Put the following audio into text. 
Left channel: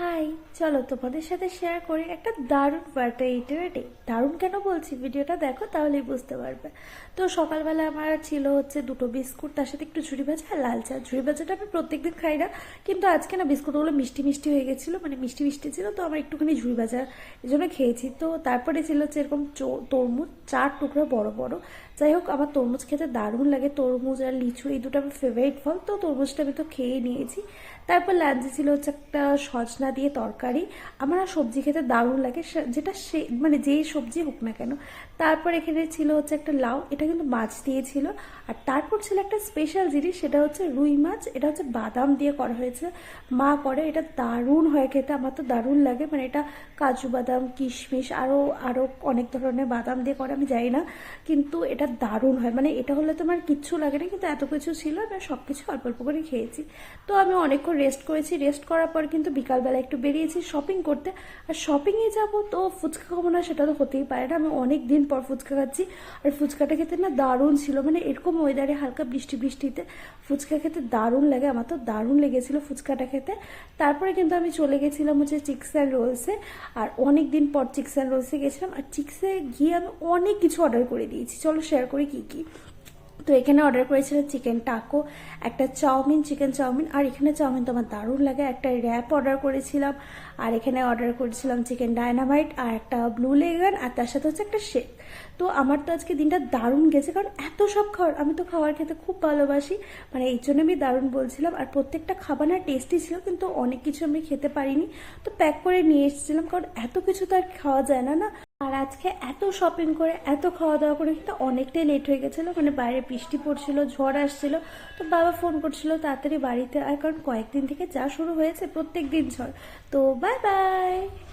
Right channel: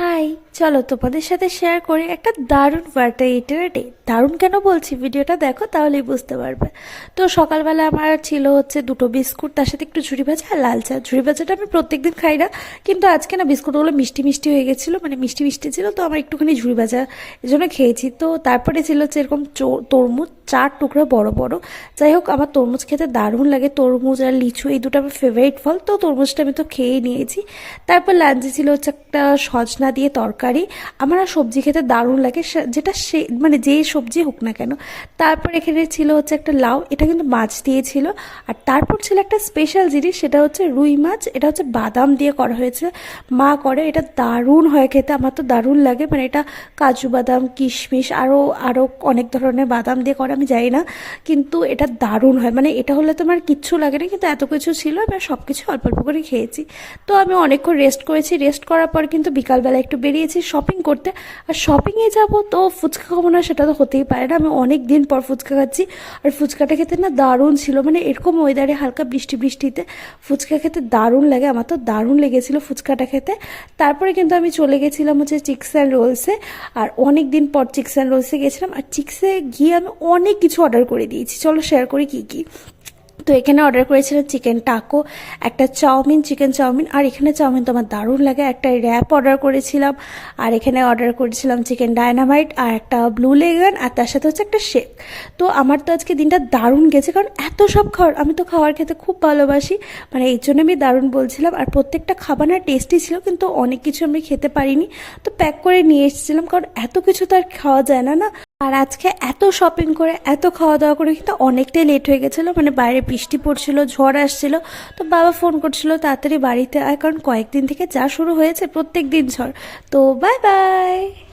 High, চলো তোমাদের সাথে শেয়ার করি একটা দারুণ বার্থডে ডে। দারুণ কেন বলছি, ভিডিওটা দেখো তাহলেই বুঝতে পারবে। তো সকালবেলা আমার ছিল হচ্ছে দুটো বিস্কুট, তার সাথে একটু ঝুড়ি ভাজা আর লাল চা। ঝুড়ি ভাজাটা আমি প্রত্যেকদিন খাই না, কিন্তু আজকে না বিস্কুটগুলো মিষ্টি মিষ্টি হয়ে গেছিলো, মানে মিষ্টি মিষ্টি ছিল, তো আমার একটুখানি ঝুড়ি ভাজা এই জন্য খেয়েছি। তো তারপরে ছিল হচ্ছে এরকম তরমুজ 4 টুকরো বড় বড়। যাই হোক, আমার তরমুজ খেতে দারুণ লাগে। তরমুজ আর লিচু এই দুটো আমার ফেভারিট ফল, তো তরমুজটা আমি তো খেয়েই নিয়েছি। তারপর লাঞ্চে ছিল হচ্ছে একটা সজনা দিয়ে তরকারি। আমার আর সবজি খেতে দারুণ লাগে, যেটা সে মানে যেই সবজি হোক না কেন। তারপর এখানে ছিল হচ্ছে একটা লাউ, এটা কিন্তু মাছ দিয়েছিল। আর তারপর ছিল একটা স্পেশাল জিনিস, সেটা হচ্ছে রুই মাছ। এটা হচ্ছে বাদাম দিয়ে করা হয়েছে, মা করে। এটা দারুণ হয় খেতে, আমার তো দারুণ লাগে। মানে এটা কাজু বাদাম, কিশমিশ, আরও আরও অনেক ধরনের বাদাম দিয়ে করে, আমি জানি না, কিন্তু এটা দারুণ হয়। মানে এটা হলে তো আমার কিচ্ছু লাগে না, কিন্তু এত কিছু ছিল, আমি সব কিছু অল্প অল্প করে খেয়েছি। তো আমি অনেকক্ষণ রেস্ট করেছি। রেস্ট করার পর কিন্তু বিকালবেলা একটু বেরিয়েছি শপিং করতে। আর শপিংয়ে যাব তো ফুচকা খাবো না সেটা তো হতেই পারে না। আমি অনেক দিন পর ফুচকা খাচ্ছি, আর ফুচকাটা খেতে না দারুণ ছিল। মানে এরকম ওয়েদারে হালকা বৃষ্টি বৃষ্টিতে ফুচকা খেতে দারুণ লাগে, আমার তো দারুণ লেগেছিলো ফুচকাটা খেতে। তারপরে কিন্তু আমি চলে গেছিলাম হচ্ছে চিকেন অ্যান্ড রোলসে। আর অনেক দিন পর চিকেন অ্যান্ড রোলসে গেছিলাম, আর চিক্সে গিয়ে আমি অনেক কিছু অর্ডার করে দিয়েছি। চলো শেয়ার করি কী কী। তো এখানে অর্ডার করেছিলাম চিকেন টাকো, একটা চাউমিন, চিকেন চাউমিন। আর এখানে চাউমিন তো আমার দারুণ লাগে। একটা র্যাপ অর্ডার করেছিলাম। আর এখানে অর্ডার করেছিলাম চিকেন ডায়নামাইট আর একটা ব্লু লেগান, আর তার সাথে হচ্ছে একটা শেক। তো আমার তো আজকে দিনটা দারুণ গেছে, কারণ এত সব খাবার, আমি তো খাবার খেতে খুব ভালোবাসি। মানে এই জন্য আমি দারুণ বলছিলাম। আর প্রত্যেকটা খাবার না টেস্টি ছিল, কিন্তু অনেক কিছু আমি খেতে পারিনি, তো প্যাক করে নিয়ে এসেছিলাম, কারণ এত কিছু তো আর খাওয়া যায় না না। আর আজকে এত শপিং করে এত খাওয়া দাওয়া করে কিন্তু অনেকটাই লেট হয়ে গেছিলো। মানে বাইরে বৃষ্টি পড়ছিল, ঝড় আসছিল। তো বাবা ফোন করছিল তাড়াতাড়ি বাড়িতে আয়, কারণ কয়েকদিন থেকে যা শুরু হয়েছে প্রত্যেক দিন ঝড়। তো বাই বাই।